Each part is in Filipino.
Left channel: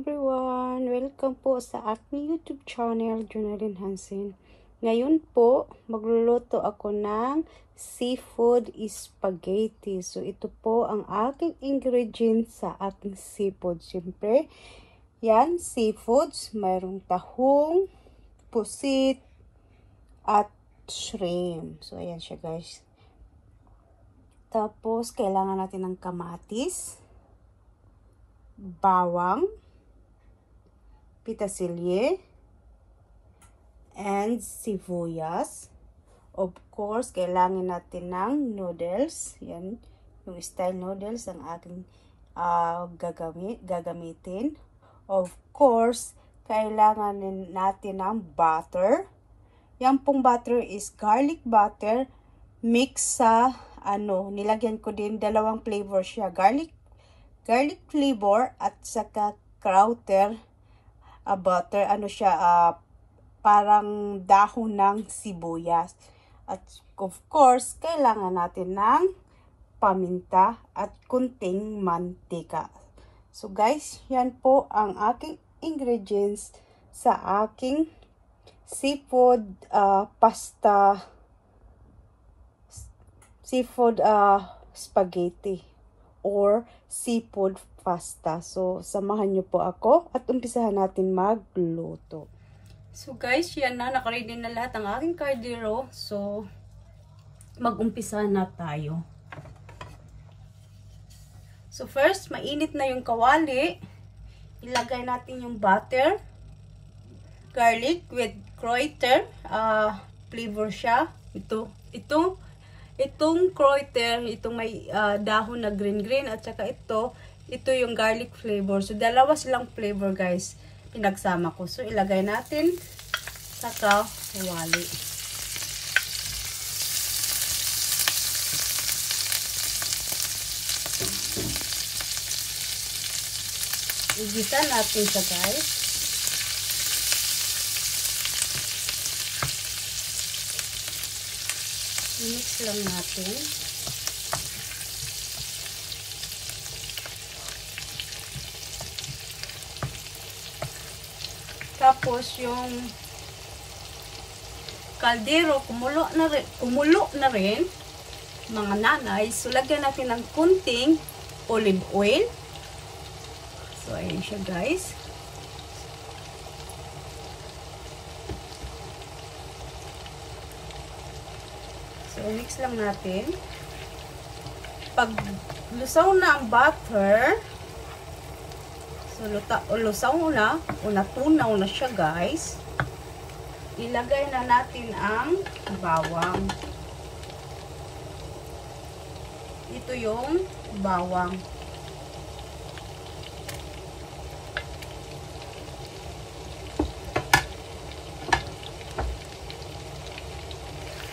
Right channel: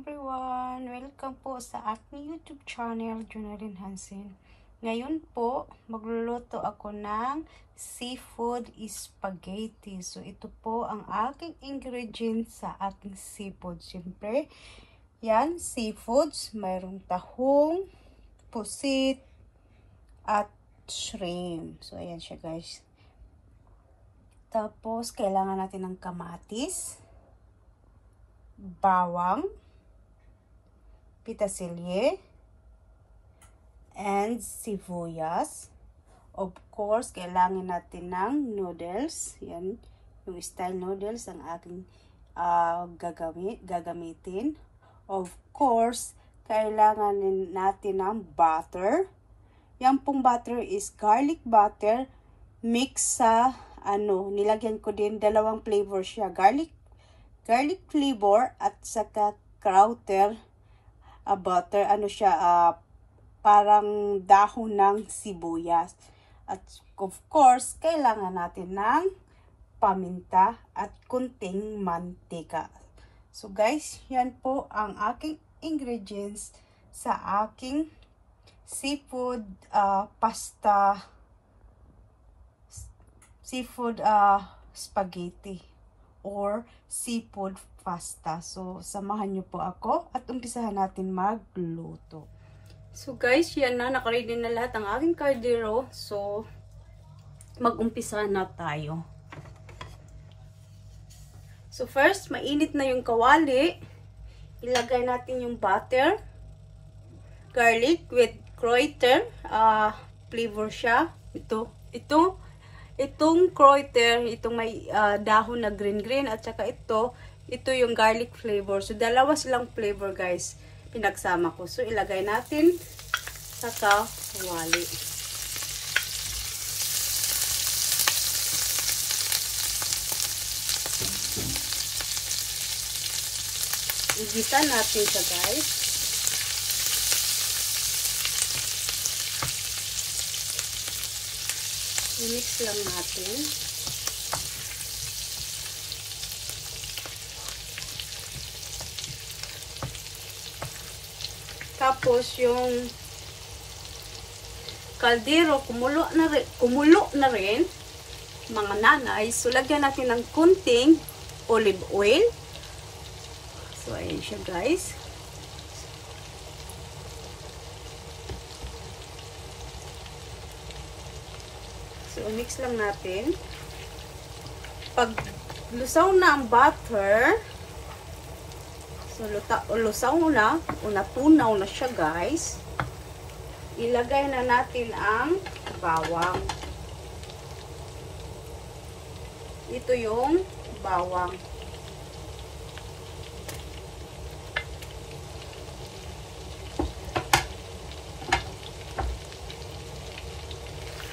everyone! Welcome po sa aking YouTube channel, Jonalyn Hansen. Ngayon po, magluluto ako ng seafood spaghetti. So, ito po ang aking ingredients sa aking seafood. Siyempre, yan, seafoods. Mayroong tahong, pusit, at shrimp. So, ayan siya guys. Tapos, kailangan natin ng kamatis, bawang, petersilie, and sibuyas. Of course, kailangan natin ng noodles. Yan, yung style noodles ang aking gagamitin. Of course, kailangan natin ng butter. Yan pong butter is garlic butter mix sa nilagyan ko din dalawang flavor siya. Garlic flavor at saka krauter butter. Parang dahon ng sibuyas. At of course, kailangan natin ng paminta at kunting mantika. So guys, yan po ang aking ingredients sa aking seafood spaghetti or seafood pasta. So, samahan nyo po ako at umpisahan natin magluto. So, guys, yan na. Nakaready na lahat ang aking kaldero. So, mag-umpisa na tayo. So, first, mainit na yung kawali. Ilagay natin yung butter, garlic with krauter. Flavor siya. Itong krauter, itong may dahon na green at saka ito yung garlic flavor. So, dalawa silang flavor guys, pinagsama ko. So, ilagay natin sa kawali. Igisa natin siya guys. Mix lang natin. Tapos yung kaldero kumulo na rin mga nanay. So lagyan natin ng kunting olive oil. So ayan siya guys. So mix lang natin. Pag lusaw na ang butter, lusaw na, tunaw na siya guys. Ilagay na natin ang bawang. Ito yung bawang.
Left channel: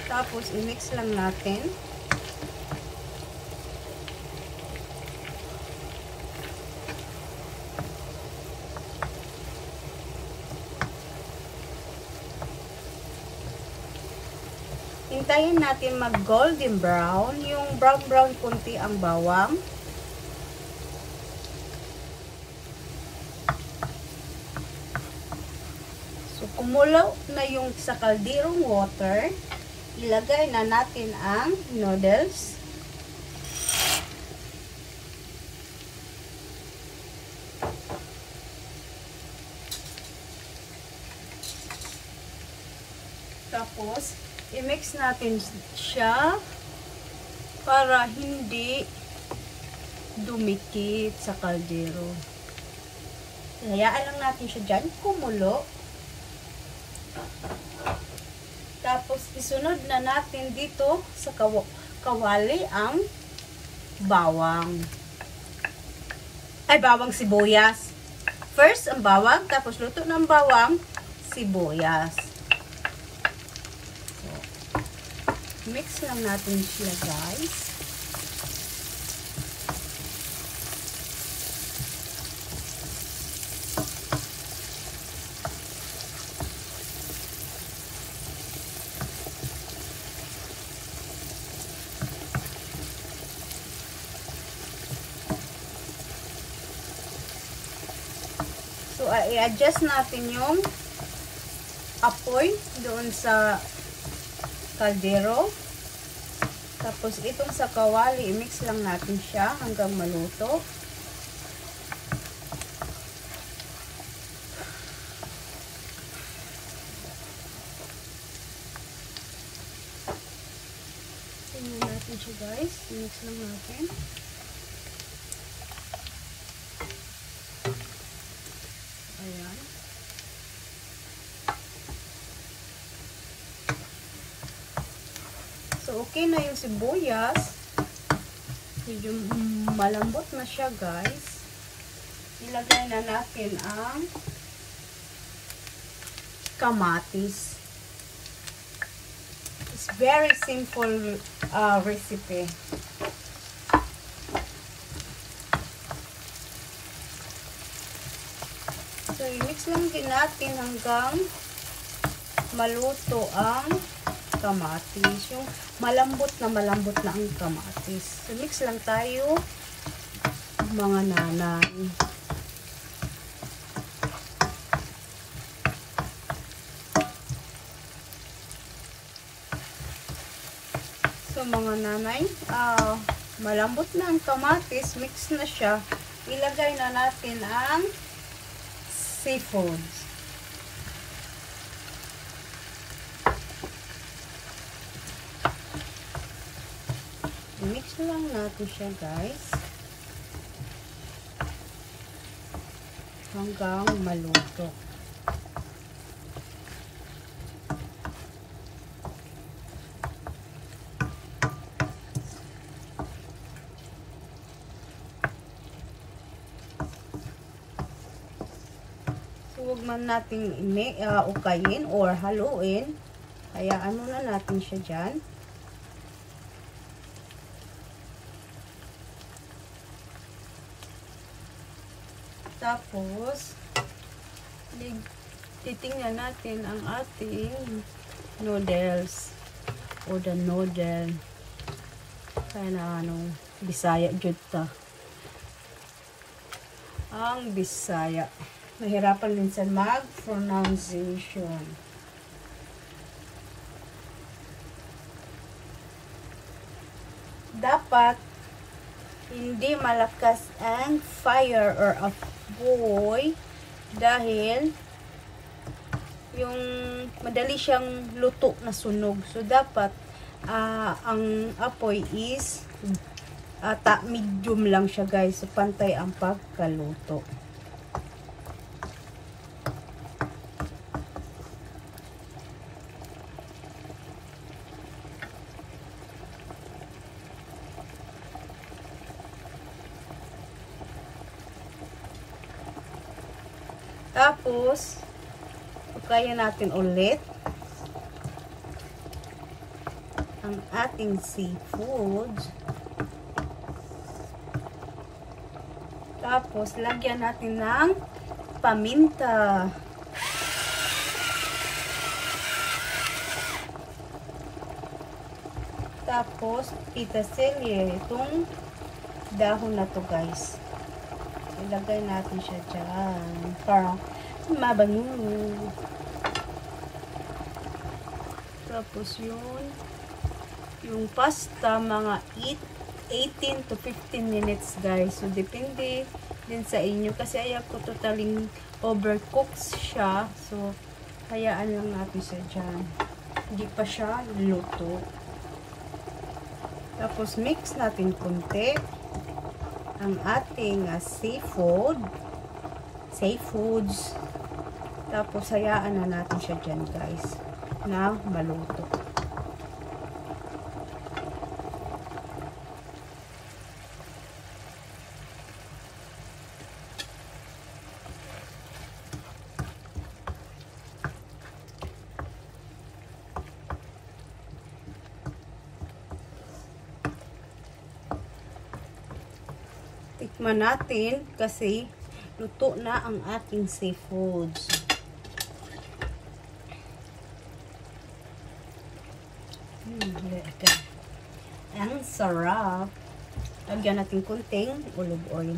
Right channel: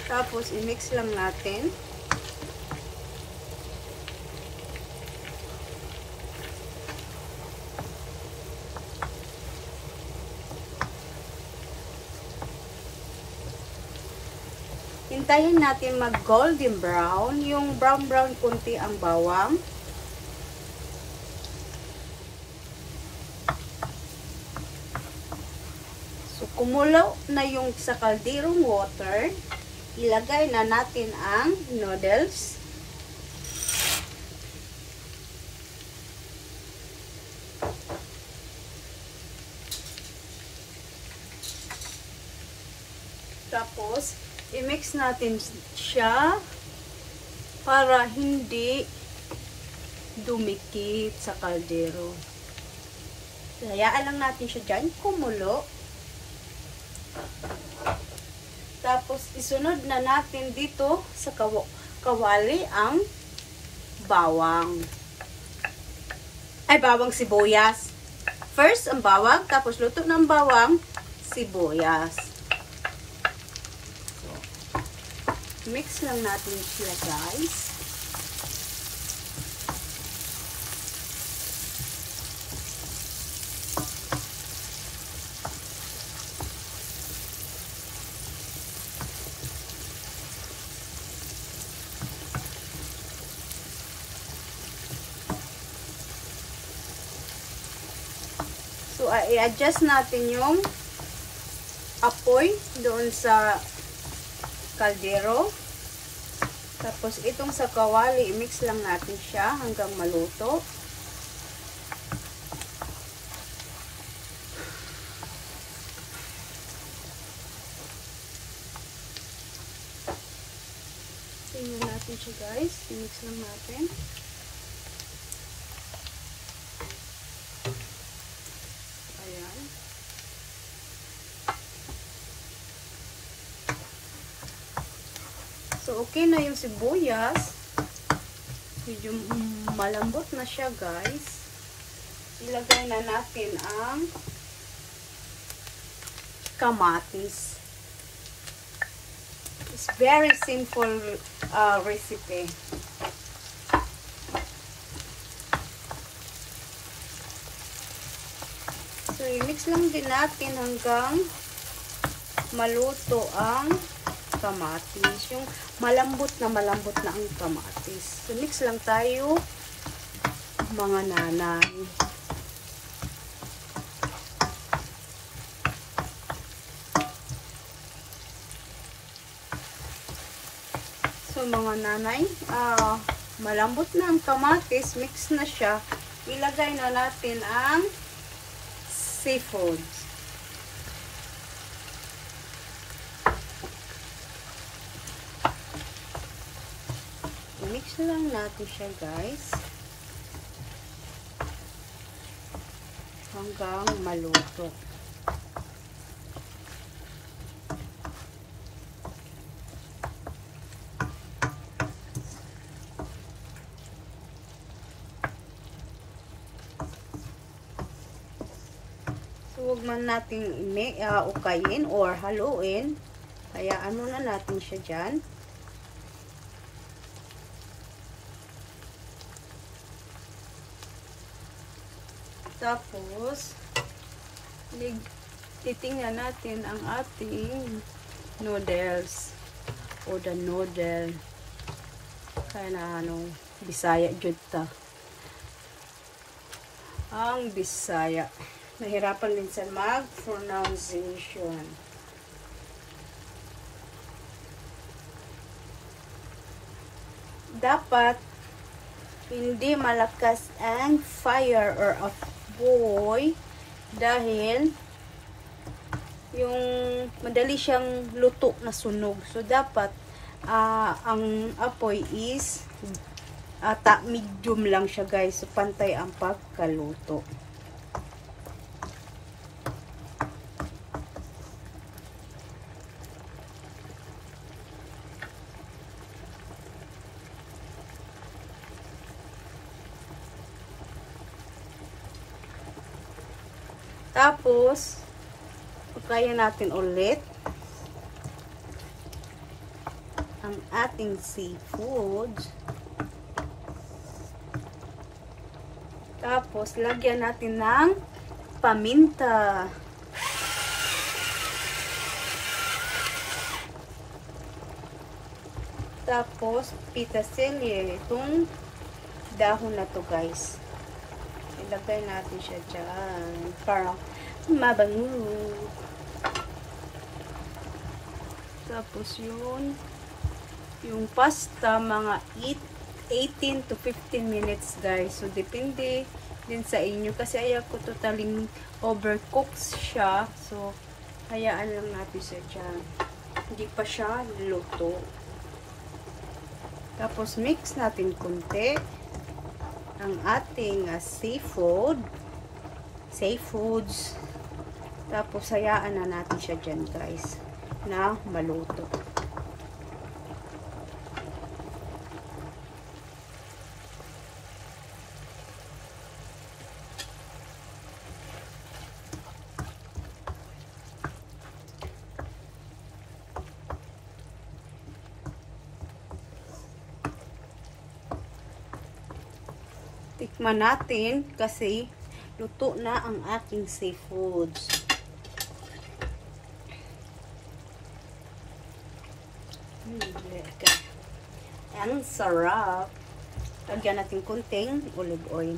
Tapos i-mix lang natin. Hintayin natin mag golden brown, yung brown kunti ang bawang. So kumulo na yung sa kalderong water, ilagay na natin ang noodles. Tapos i-mix natin siya para hindi dumikit sa kaldero. Hayaan lang natin siya dyan kumulo. Tapos isunod na natin dito sa kawali ang bawang. Bawang sibuyas. First ang bawang, tapos luto ng bawang, sibuyas. Mix lang natin siya guys. i-adjust natin yung apoy doon sa kaldero. Tapos itong sa kawali, i-mix lang natin siya hanggang maluto. Tingnan natin siya guys. I-mix lang natin. Ayan. So, okay na yung sibuyas. Medyo malambot na siya, guys. Ilagay na natin ang kamatis. It's very simple recipe. So, i-mix lang din natin hanggang maluto ang kamatis. Yung malambot na ang kamatis. So, mix lang tayo, mga nanay. So, mga nanay, malambot na ang kamatis. Mix na siya. Ilagay na natin ang seafoods. Mix lang natin siya, guys, hanggang maluto. So, huwag man natin ukayin or haluin. Hayaan muna natin siya dyan. Tapos, titingnan natin ang ating noodles o the noodle. Kaya na anong Bisaya jud ta. Ang Bisaya. Mahirapan minsan mag-pronunciation. Dapat hindi malakas ang fire or apoy dahil yung madali siyang luto na sunog. So, dapat ang apoy is medium lang siya, guys. So, pantay ang pagkaluto. Tapos, kaya natin ulit ang ating seafood. Tapos, lagyan natin ng paminta. Tapos, pitaselye. Itong dahon na to, guys. Ilagay natin siya dyan. Parang mabango. Tapos yung pasta, mga 18 to 15 minutes, guys. So, depende din sa inyo. Kasi ayaw ko totaling overcooked siya. So, hayaan lang natin siya dyan. Hindi pa siya luto. Tapos, mix natin konti ang ating seafoods. Tapos, hayaan na natin siya dyan, guys, na maluto. Tikman natin kasi luto na ang ating seafoods. Ang sarap. Lagyan natin kunting olive oil.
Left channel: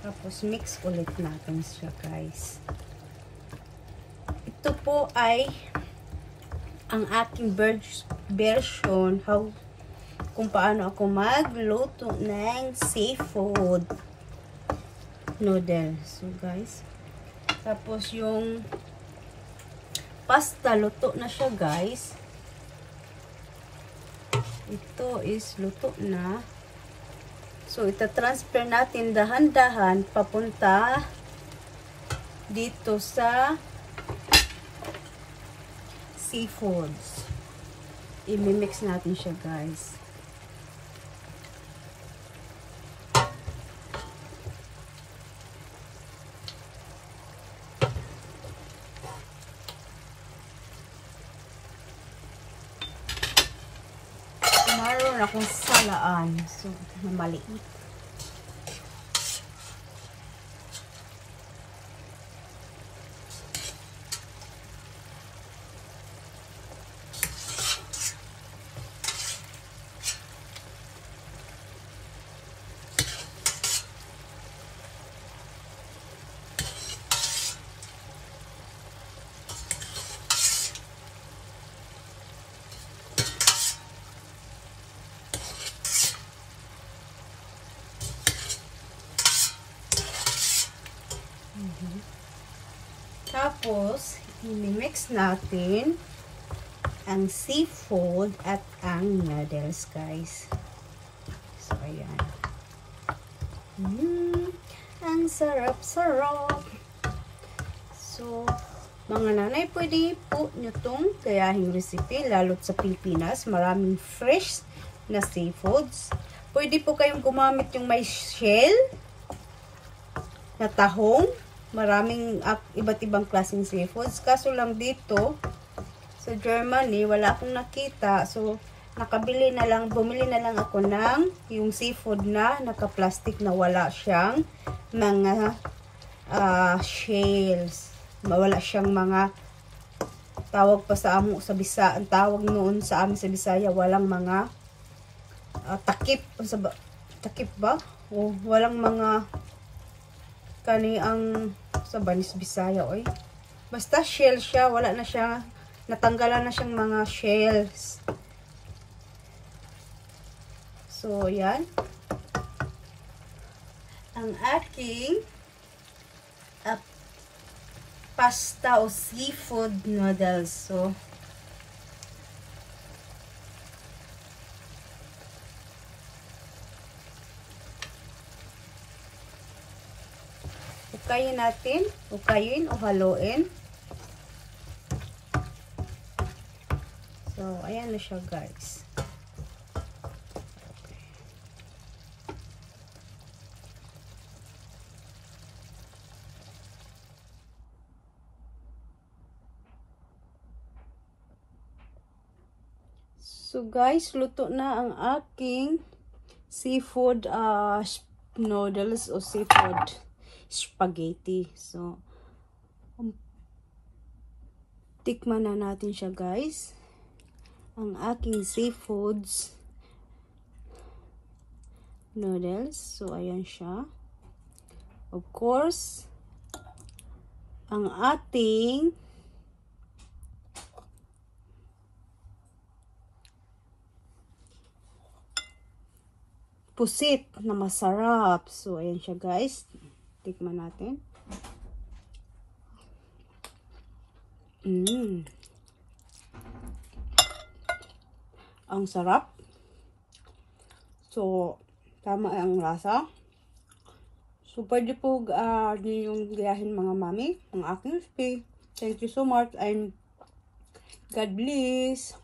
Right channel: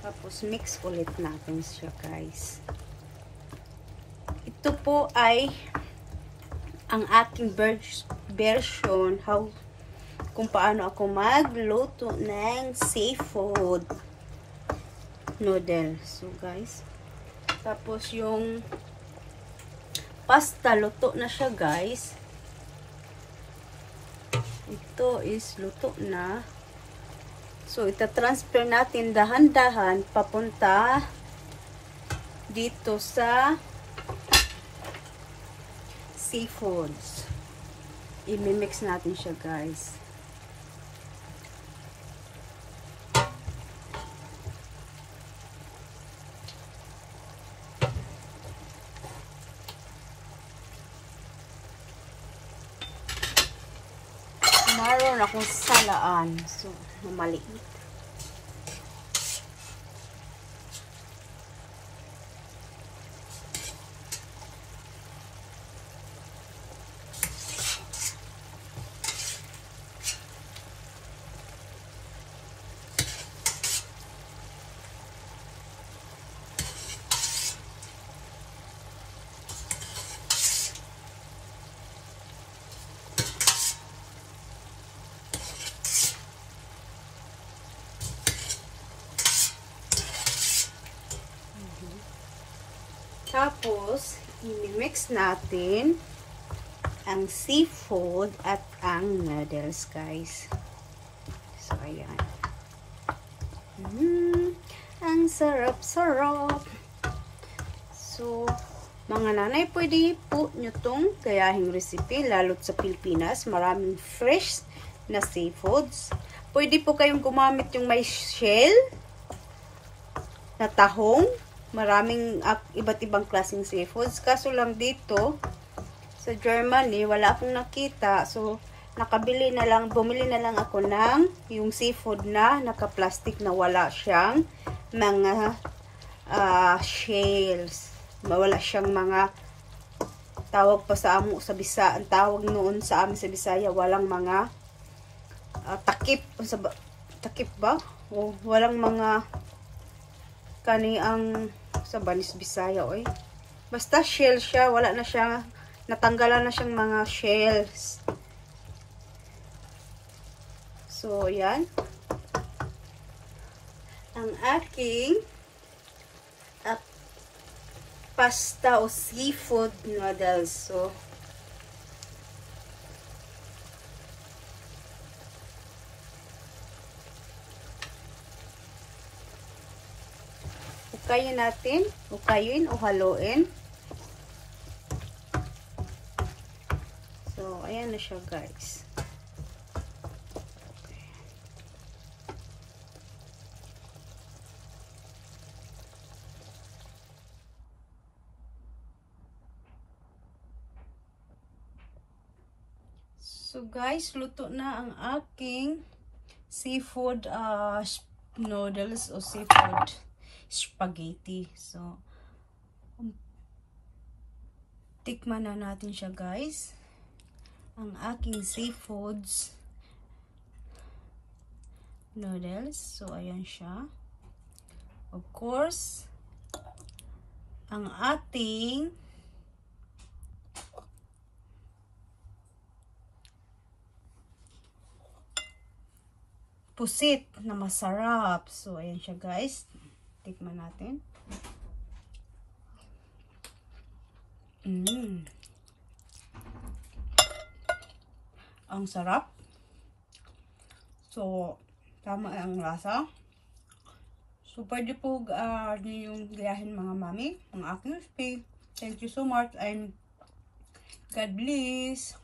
Tapos mix ulit natin siya, guys. Ito po ay ang aking version kung paano ako magluto ng seafood noodles. So, guys. Tapos yung pasta, luto na siya, guys. Ito is luto na. So, ita-transfer natin dahan-dahan papunta dito sa seafoods. I-mix natin siya, guys. Meron akong salaan. So, maliit. Tapos, i-mix natin ang seafood at ang noodles, guys. So, ayan. Ang sarap-sarap. So, mga nanay, pwede po nyo itong gayahing recipe, lalo't sa Pilipinas. Maraming fresh na seafoods. Pwede po kayong gumamit yung may shell na tahong. Maraming iba't ibang klaseng seafoods. Kaso lang dito, sa Germany, wala akong nakita. So, bumili na lang ako ng yung seafood na naka-plastic na wala siyang mga shells. Wala siyang mga tawag pa sa amo sa Bisaya. Ang tawag noon sa amin sa Bisaya, walang mga takip. Takip ba? O, walang mga ang sa Banis Bisaya, oy. Basta shell siya, wala na siya, natanggalan na siyang mga shells. So, yan. Ang aking pasta o seafood noodles. So, ukayin o haluin. So, ayan na siya, guys. So, guys, luto na ang aking seafood noodles o seafood spaghetti. So, tikman na natin siya, guys. Ang aking seafoods noodles. So, ayan siya. Of course, ang ating pusit na masarap. So, ayan siya, guys. Tikman natin. Ang sarap. So, tama ang lasa. So, pwede po yung gayahin mga mami, ang aking recipe. Thank you so much and God bless.